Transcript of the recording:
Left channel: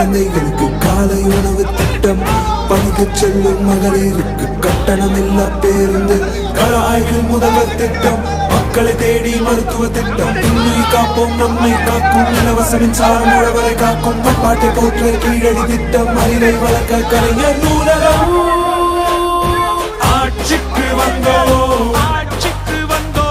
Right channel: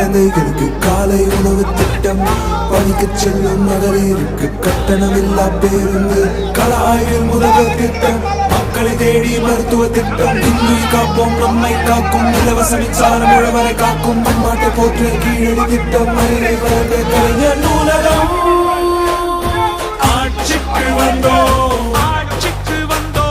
குழந்தைகளுக்கு காலை உணவு திட்டம், பணிக்கு செல்லும் மகளிருக்கு கட்டணம் இல்லா பேருந்து, கலாயில் முதல்வர் திட்டம், மக்களை தேடி மருத்துவ திட்டம், இன்னுயிர் காப்போம் நம்மை காக்கும், இலவச மின்சாரம் உழவரை காக்கும், பண்பாட்டை போற்றிய கீழடி திட்டம், அறிவை வளர்க்க கலைஞர் நூலகம். ஆட்சிக்கு வந்தோம், ஆட்சிக்கு வந்தோம்.